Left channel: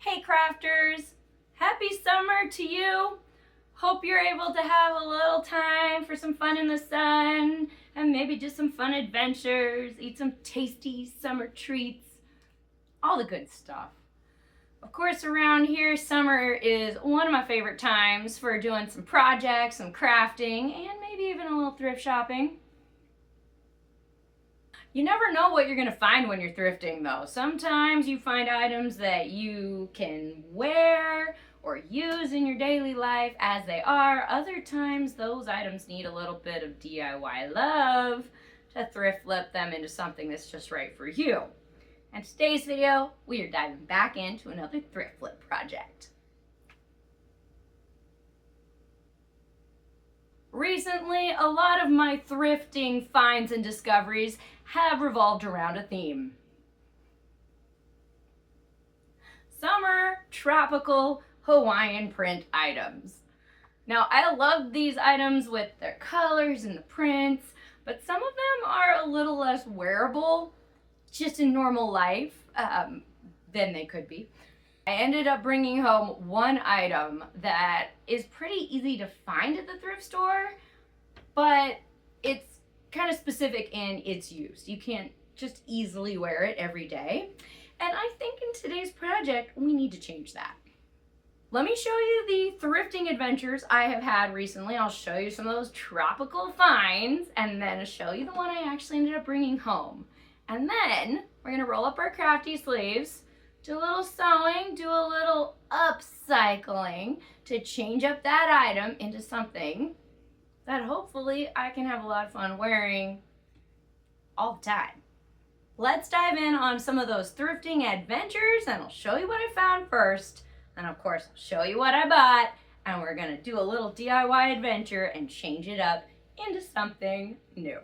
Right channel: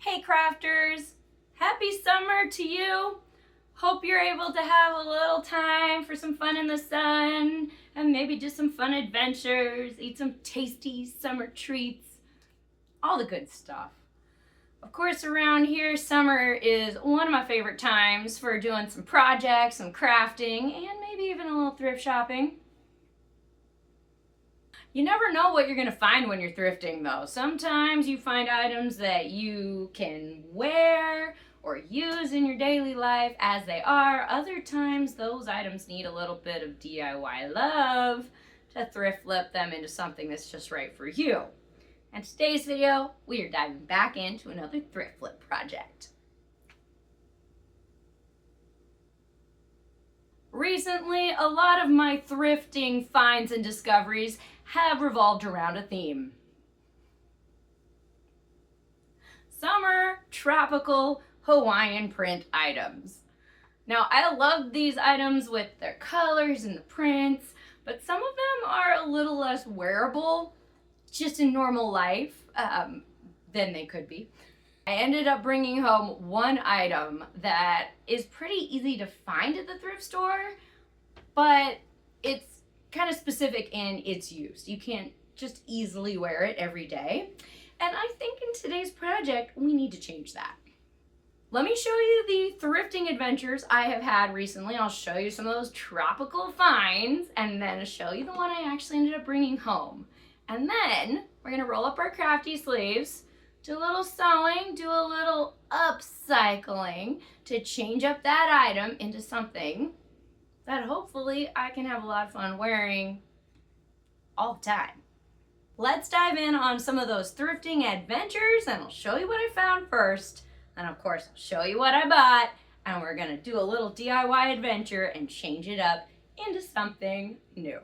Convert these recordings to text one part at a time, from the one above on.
Hey crafters, happy summer to you. Hope you're able to have a little time for some fun in the sun and maybe just some fun adventures, eat some tasty summer treats, all the good stuff. Of course, around here, summer is one of my favorite times for doing some projects, some crafting, and maybe even a little thrift shopping. You never know what you're going to find when you're thrifting, though. Sometimes you find items that you can wear or use in your daily life as they are. Other times, those items need a little bit of DIY love to thrift flip them into something that's just right for you. In today's video, we are diving back into another thrift flip project. Recently, a lot of my thrifting finds and discoveries have revolved around a theme. Summer tropical Hawaiian print items. Now, I love these items with their colors and the prints, but some of them are a little less wearable just in normal life than they could be. I ended up bringing home one item that is pretty easy to find at the thrift store, but it's kind of specific in its use. You can't just easily wear it every day. And I think in today's project, we need to change that. Let me show you the thrifting adventures I have had recently. I'll show you some of those tropical finds and then show you the one I actually ended up bringing home. And then we're gonna roll up our crafty sleeves, do a little sewing, do a little upcycling to change up that item into something that hopefully I can have a lot of fun wearing all the time. Let's dive in on some of those thrifting adventures and I'll show you what I found first. And of course, I'll show you what I bought and we're gonna do a little DIY adventure and change it up into something new.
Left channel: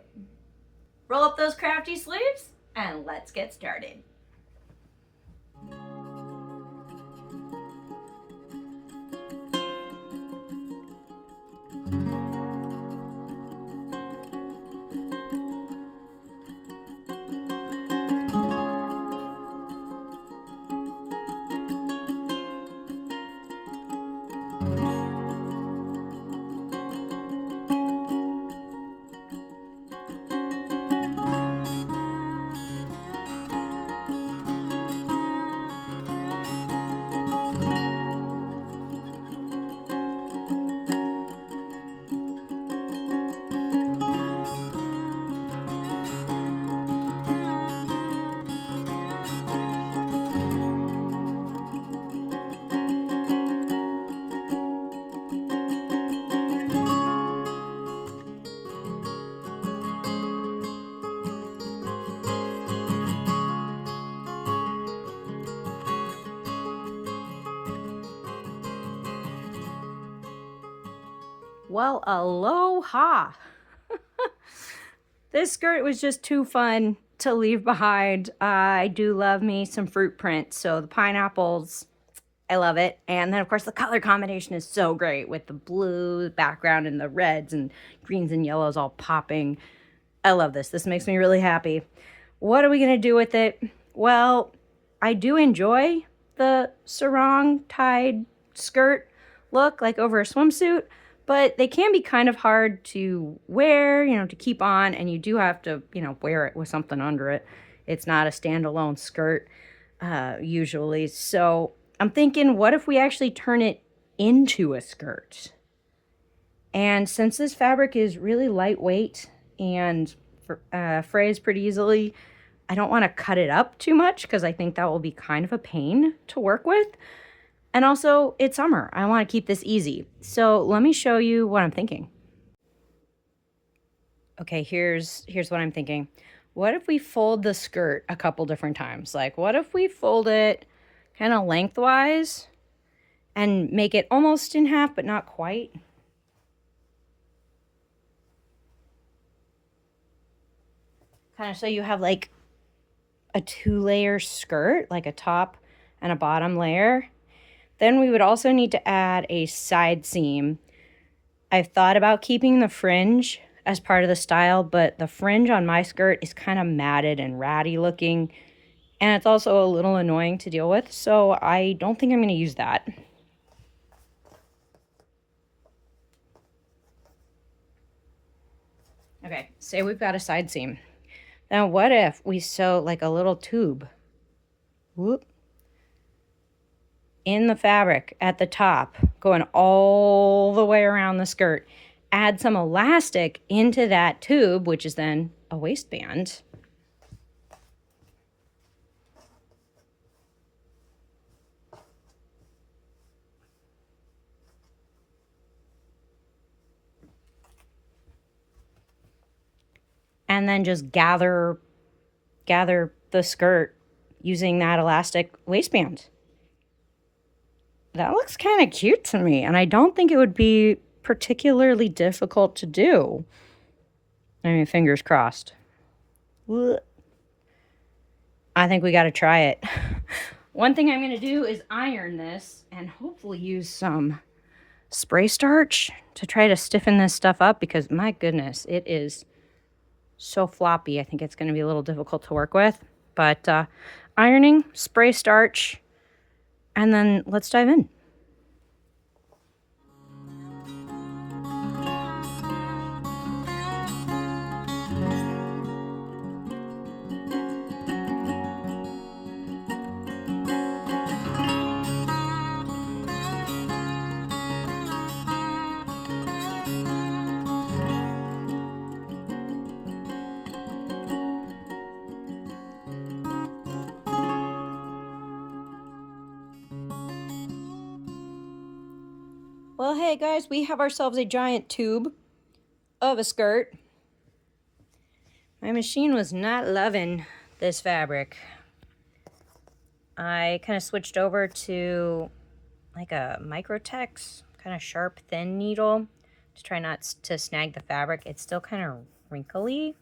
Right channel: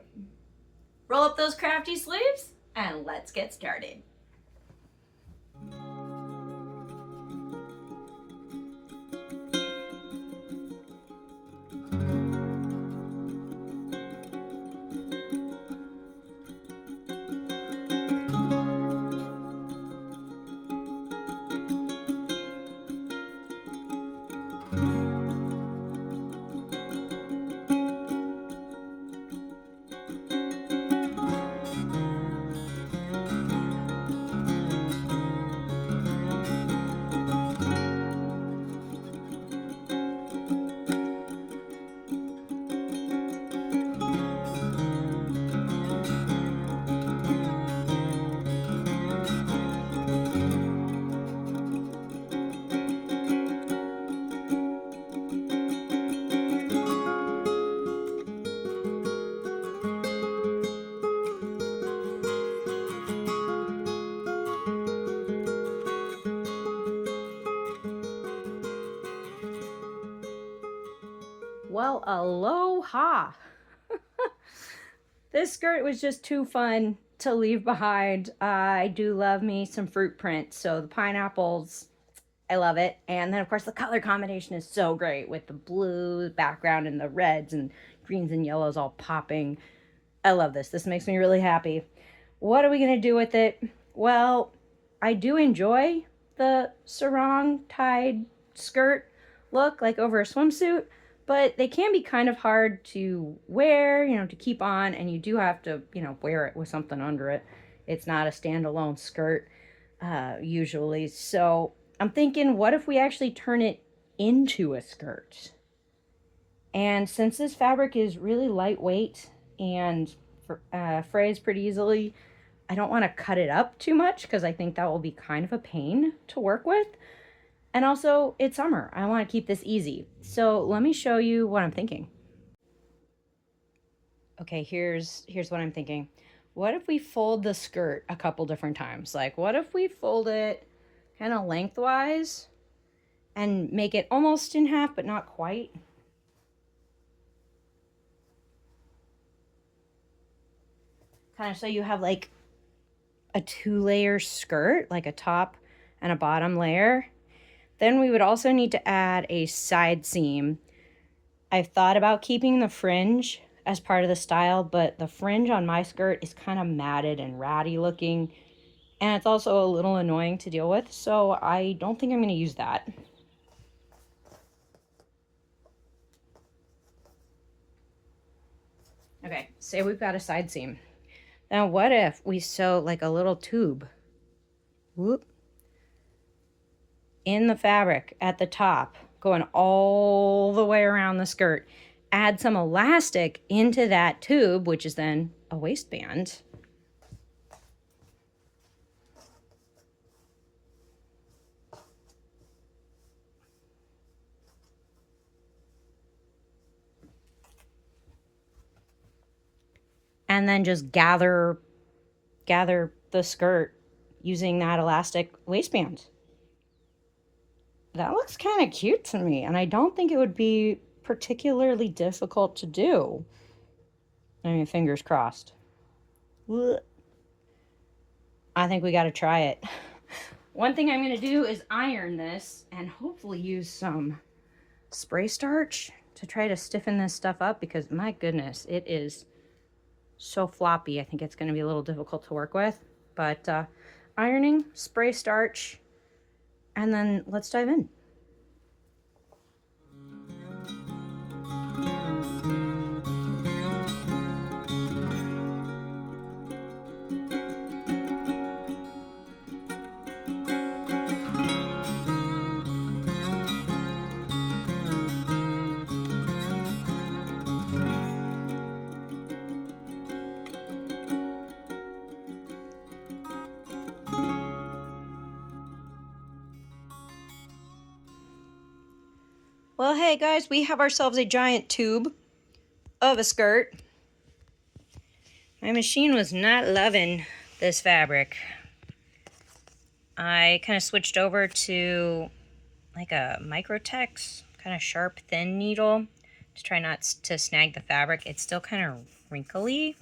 Roll up those crafty sleeves and let's get started. Well, aloha. This skirt was just too fun to leave behind. I do love me some fruit prints. So the pineapples, I love it. And then of course the color combination is so great with the blue background and the reds and greens and yellows all popping. I love this. This makes me really happy. What are we going to do with it? Well, I do enjoy the sarong tied skirt look like over a swimsuit. But they can be kind of hard to wear, to keep on, and you do have to, wear it with something under it. It's not a standalone skirt, usually. So I'm thinking, what if we actually turn it into a skirt? And since this fabric is really lightweight and frays pretty easily, I don't want to cut it up too much because I think that will be kind of a pain to work with. And also, it's summer. I want to keep this easy. So let me show you what I'm thinking. Okay, here's what I'm thinking. What if we fold the skirt a couple different times? Like, what if we fold it kind of lengthwise and make it almost in half, but not quite? Kind of so you have like a 2-layer skirt, like a top and a bottom layer. Then we would also need to add a side seam. I've thought about keeping the fringe as part of the style, but the fringe on my skirt is kind of matted and ratty looking, And it's also a little annoying to deal with, so I don't think I'm going to use that. Okay, say we've got a side seam. Now what if we sew like a little tube, whoop, in the fabric at the top, going all the way around the skirt. Add some elastic into that tube, which is then a waistband. And then just gather the skirt using that elastic waistband. That looks kind of cute to me, and I don't think it would be particularly difficult to do. I mean, fingers crossed. I think we got to try it. One thing I'm going to do is iron this and hopefully use some spray starch to try to stiffen this stuff up, because my goodness, it is so floppy. I think it's going to be a little difficult to work with. But ironing, spray starch, and then let's dive in. Well, hey guys, we have ourselves a giant tube of a skirt. My machine was not loving this fabric. I kind of switched over to like a Microtex, kind of sharp, thin needle to try not to snag the fabric. It's still kind of wrinkly.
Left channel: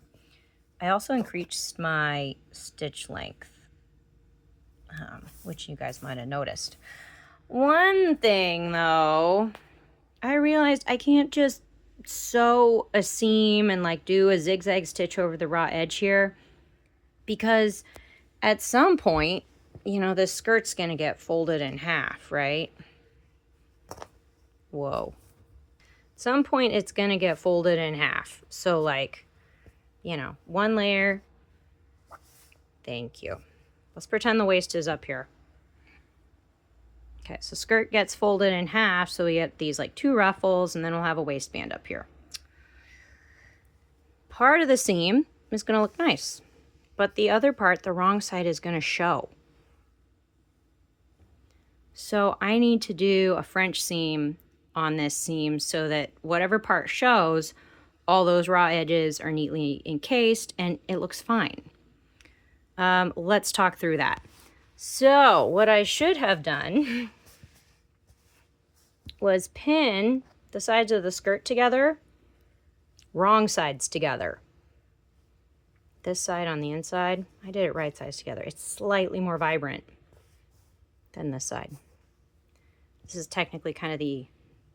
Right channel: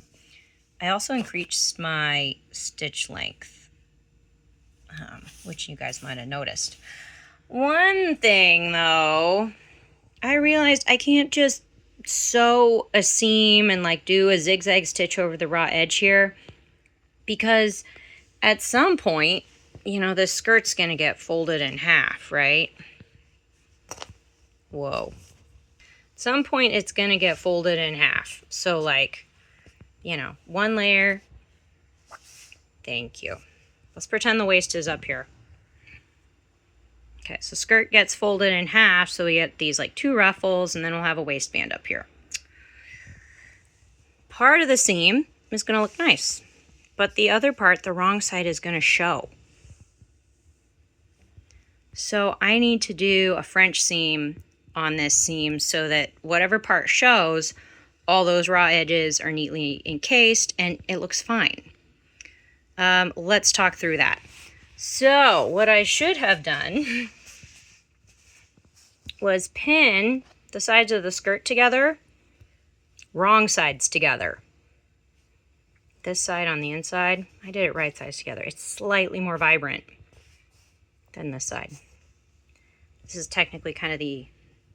I also increased my stitch length, which you guys might have noticed. One thing though, I realized I can't just sew a seam and like do a zigzag stitch over the raw edge here, because at some point, you know, the skirt's gonna get folded in half, right? Whoa. At some point it's gonna get folded in half. So like, you know, one layer. Thank you. Let's pretend the waist is up here. Okay, so skirt gets folded in half, so we get these like two ruffles, and then we'll have a waistband up here. Part of the seam is going to look nice, but the other part, the wrong side, is going to show. So I need to do a French seam on this seam so that whatever part shows, all those raw edges are neatly encased and it looks fine. Let's talk through that. So what I should have done was pin the sides of the skirt together, wrong sides together. This side on the inside, I did it right sides together. It's slightly more vibrant than this side. This is technically kind of the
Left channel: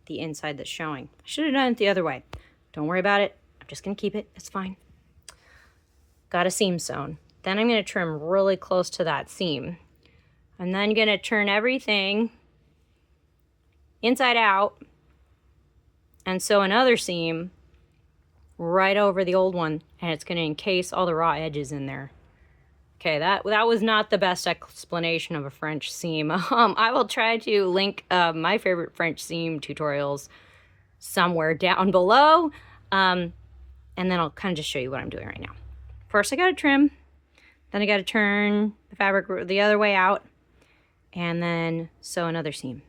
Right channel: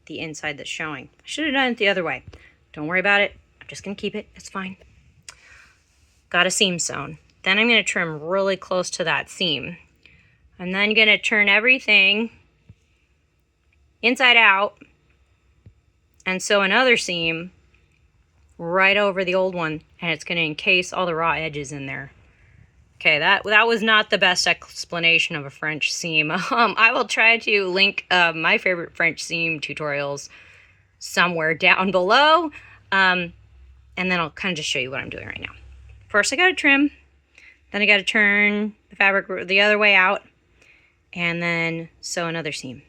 inside that's showing. I should have done it the other way. Don't worry about it. I'm just gonna keep it, it's fine. Got a seam sewn. Then I'm gonna trim really close to that seam. I'm then going to turn everything inside out and sew another seam right over the old one, and it's going to encase all the raw edges in there. Okay, that was not the best explanation of a French seam. I will try to link my favorite French seam tutorials somewhere down below, and then I'll kind of just show you what I'm doing right now. First I got to trim, then I got to turn the fabric the other way out, and then sew another seam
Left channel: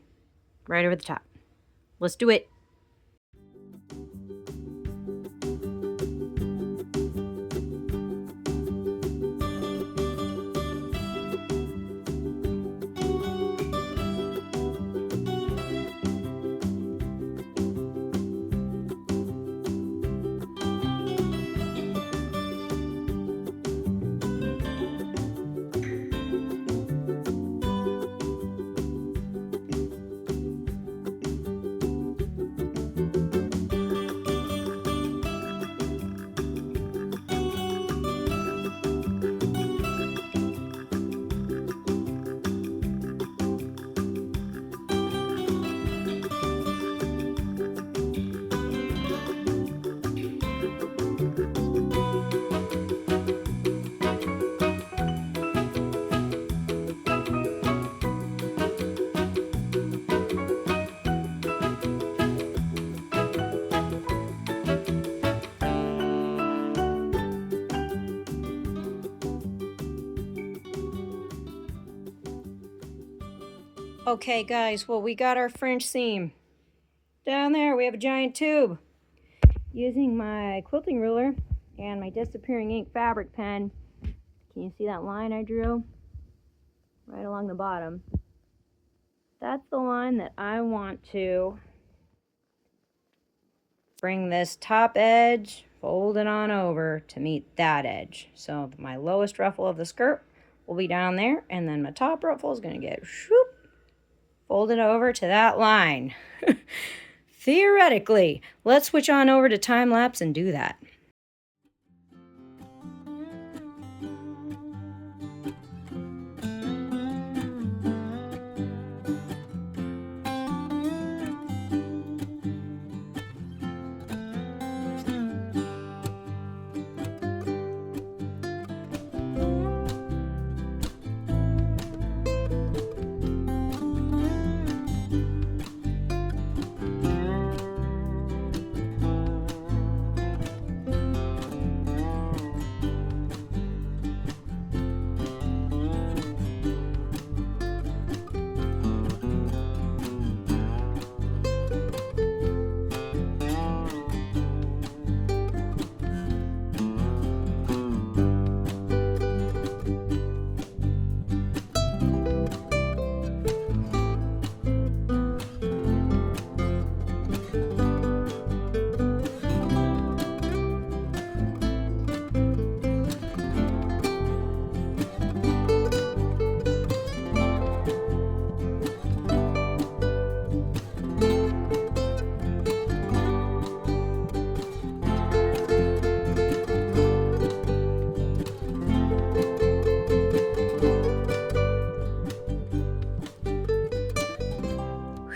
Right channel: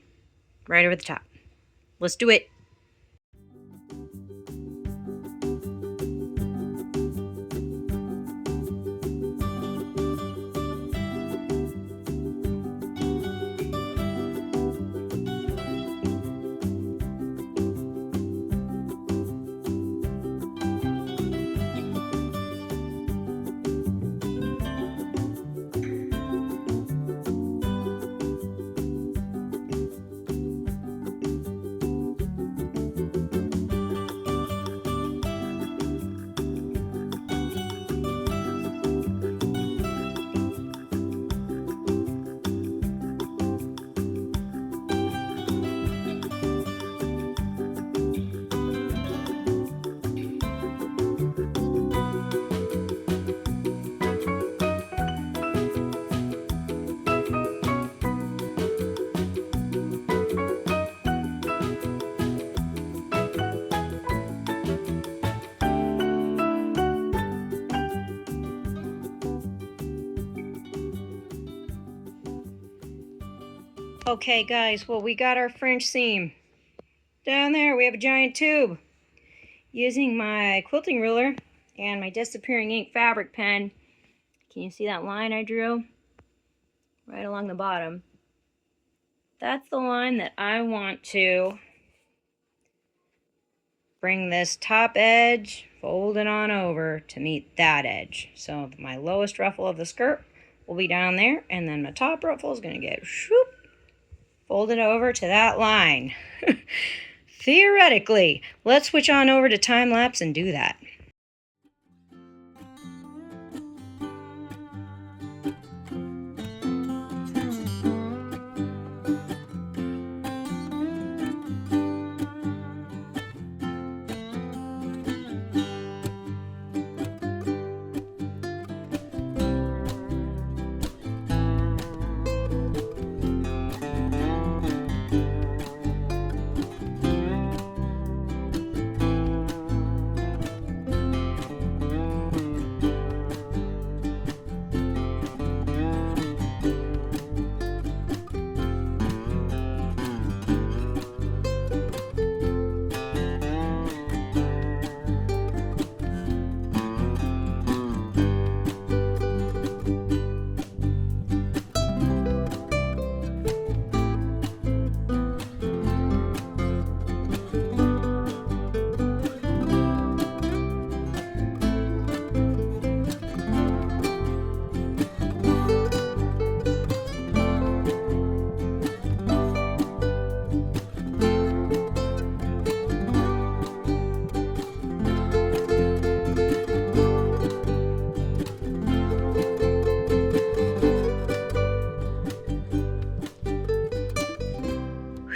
right over the top. Let's do it. Okay guys, well we got our French seam. Down there we have a giant tube. Using my quilting ruler and my disappearing ink fabric pen, can you see that line I drew? Right along the bottom. That's the line that I want to bring this top edge, fold it on over to meet that edge. So my lowest ruffle of the skirt will be down there, and then my top ruffle is going to get whoop, folded over to that line. Theoretically, let's switch on over to time lapse and do that.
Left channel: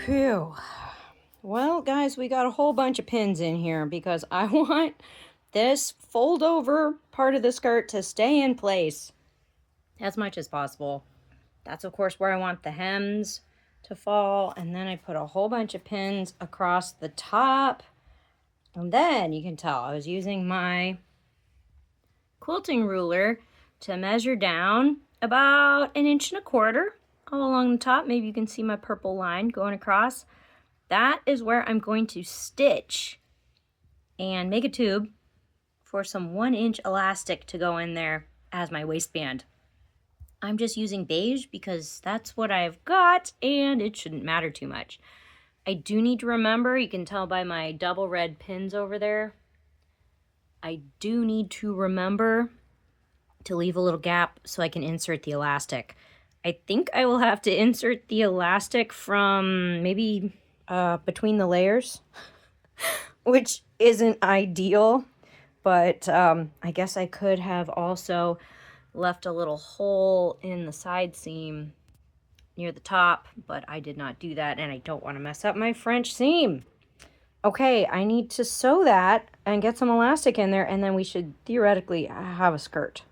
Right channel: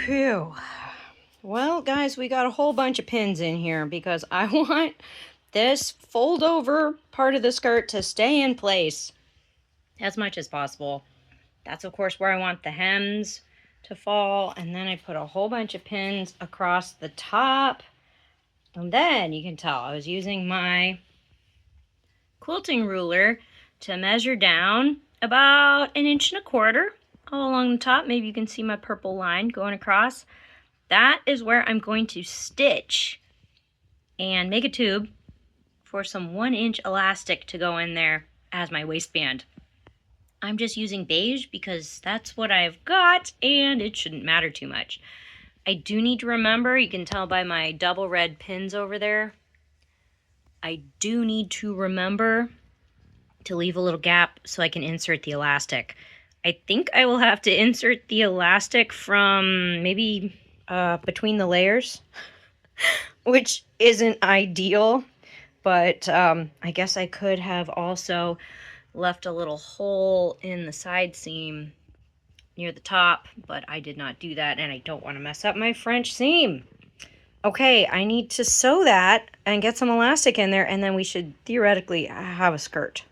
Phew. Well, guys, we got a whole bunch of pins in here because I want this fold over part of the skirt to stay in place as much as possible. That's, of course, where I want the hems to fall. And then I put a whole bunch of pins across the top. And then you can tell I was using my quilting ruler to measure down about 1.25 inches all along the top. Maybe you can see my purple line going across. That is where I'm going to stitch and make a tube for some 1-inch elastic to go in there as my waistband. I'm just using beige because that's what I've got and it shouldn't matter too much. I do need to remember, you can tell by my double red pins over there, I do need to remember to leave a little gap so I can insert the elastic. I think I will have to insert the elastic from maybe between the layers, which isn't ideal, but I guess I could have also left a little hole in the side seam near the top, but I did not do that, and I don't want to mess up my French seam. Okay, I need to sew that and get some elastic in there, and then we should theoretically have a skirt.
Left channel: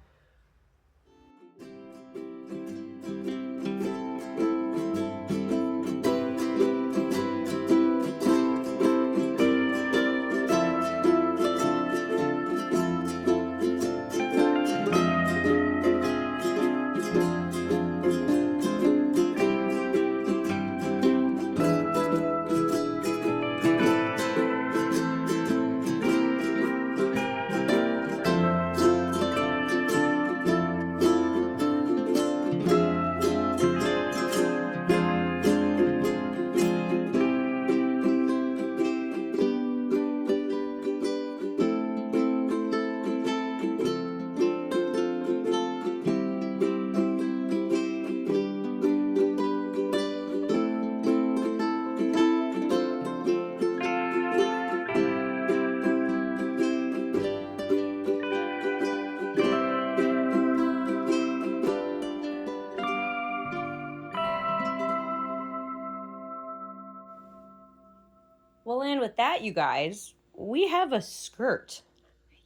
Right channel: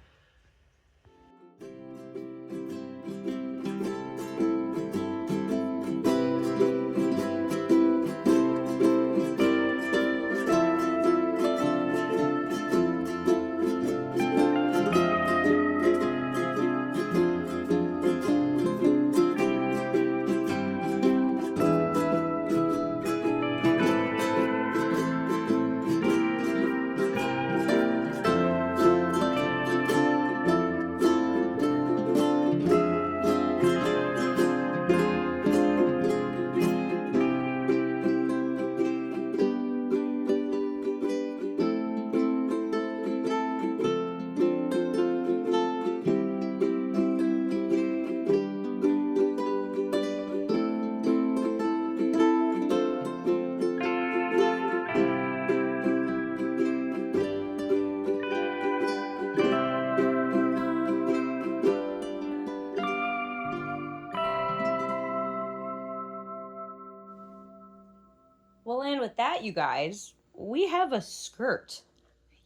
Well, and with that, you guys, we have a skirt.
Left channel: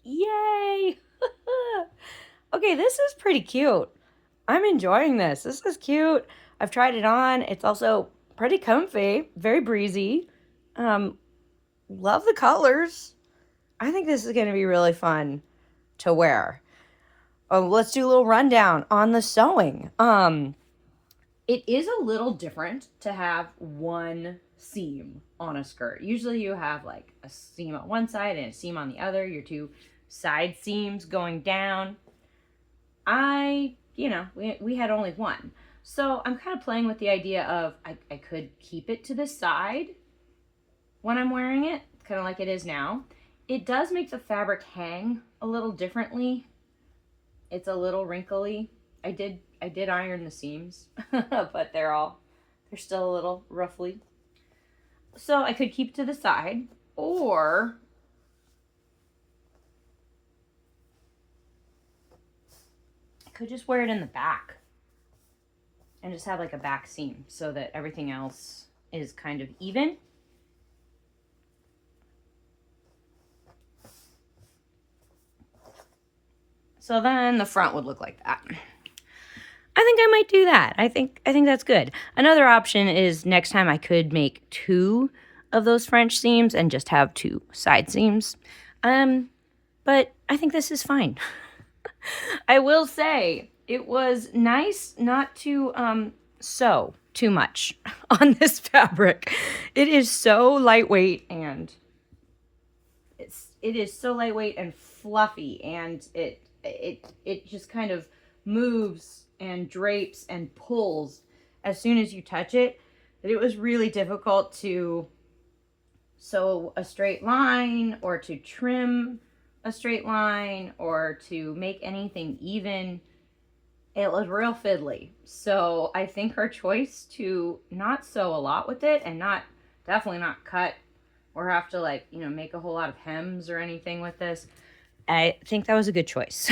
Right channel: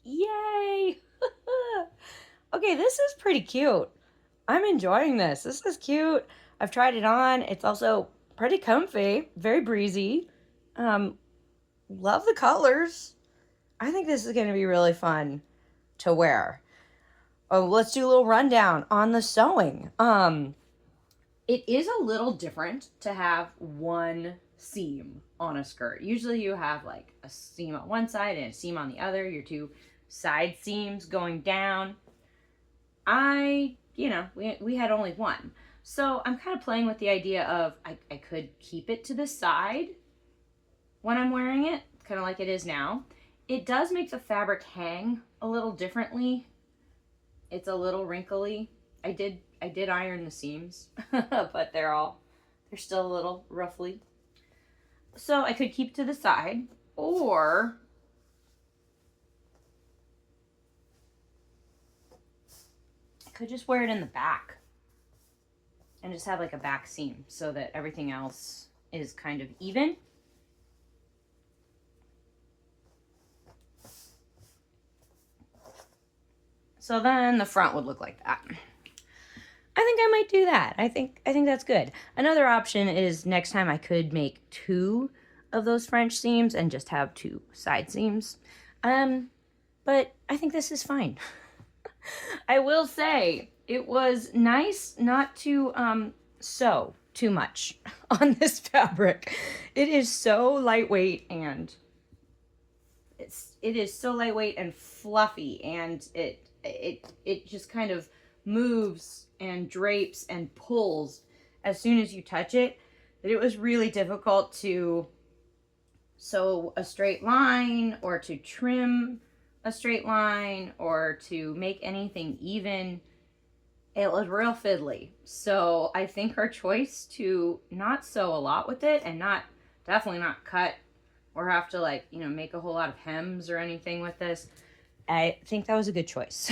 Yay! Okay, this is pretty cute. I'm enjoying this. This is cute. I've tried it on. It's also pretty comfy, very breezy. Love the colors. I think this is going to be really fun to wear. Oh, let's do a little rundown on the sewing. It is a little different to have one seam on a skirt. Usually you have like a seam on one side and a seam on the other, your two side seams going down. We had only one. So I'm kind of playing with the idea of I could keep it to the side when I'm wearing it, kind of like it is now. It does make the fabric hang a little differently. It's a little wrinkly. I did iron the seams, but they're still a little roughly. So I could keep to the side, or I could just wear it in the back and just have like a back seam so that everything else is kind of even. So then the front would look like that. I think I might do that. I think that's good. Another option is next time I could make 2 of those French seams and just have 2 side seams. But I think this is fine. I will say it was nice not to sew too much on this fabric. It is so lightweight, and it is so lightweight and fluffy, and it just kind of moves and drapes and pulls as soon as you touch it, that it was really difficult to sew a straight line or to trim a straight line or to make anything even. It was real fiddly. So I think her choice to not sew a lot with it and definitely not cut or have to make a whole lot of hems or anything with this, I think that was a good choice.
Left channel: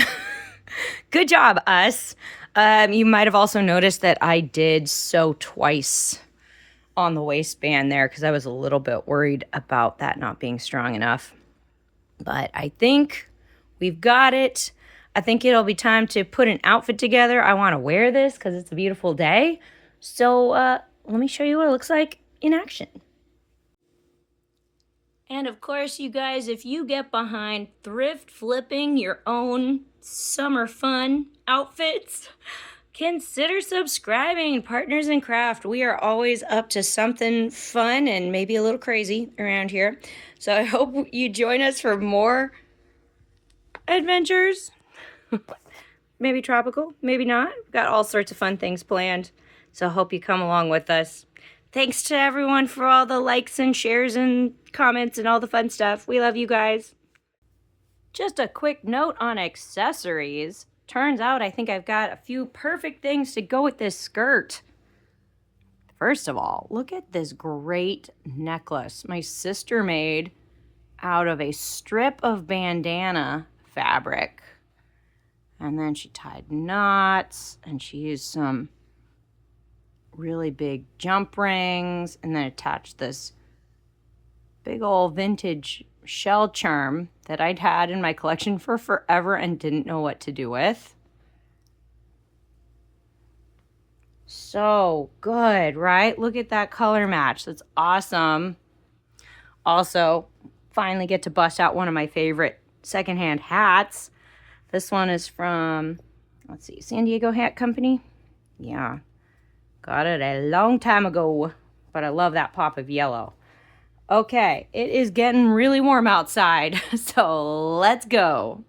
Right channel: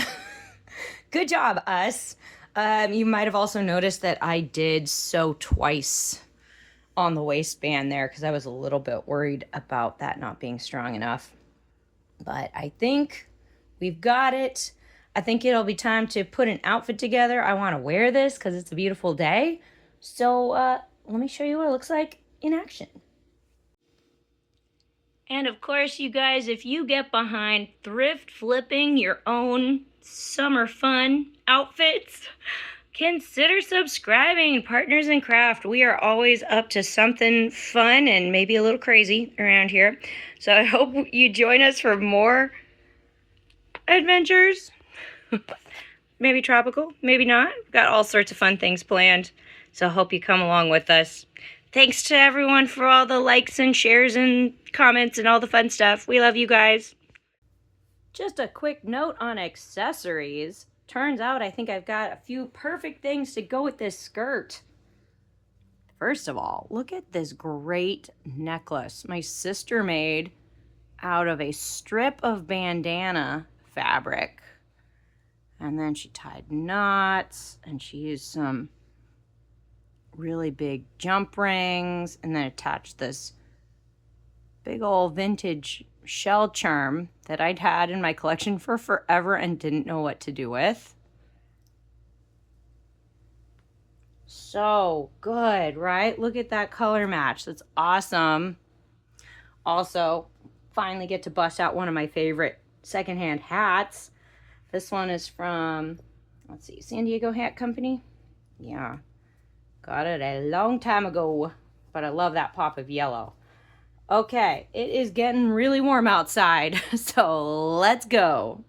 Good job, us. You might have also noticed that I did sew twice on the waistband there because I was a little bit worried about that not being strong enough. But I think we've got it. I think it'll be time to put an outfit together. I want to wear this because it's a beautiful day. So let me show you what it looks like in action. And of course, you guys, if you get behind thrift flipping your own summer fun outfits, consider subscribing. Partners in Craft. We are always up to something fun and maybe a little crazy around here. So I hope you join us for more adventures. Maybe tropical, maybe not. We've got all sorts of fun things planned. So I hope you come along with us. Thanks to everyone for all the likes and shares and comments and all the fun stuff. We love you guys. Just a quick note on accessories. Turns out I think I've got a few perfect things to go with this skirt. First of all, look at this great necklace my sister made out of a strip of bandana fabric. And then she tied knots, and she used some really big jump rings, and then attached this big old vintage shell charm that I'd had in my collection for forever and didn't know what to do with. So good, right? Look at that color match. That's awesome. Also, finally get to bust out one of my favorite secondhand hats. This one is from, let's see, San Diego Hat Company. Yeah, got it a long time ago, but I love that pop of yellow. Okay, it is getting really warm outside, so let's go.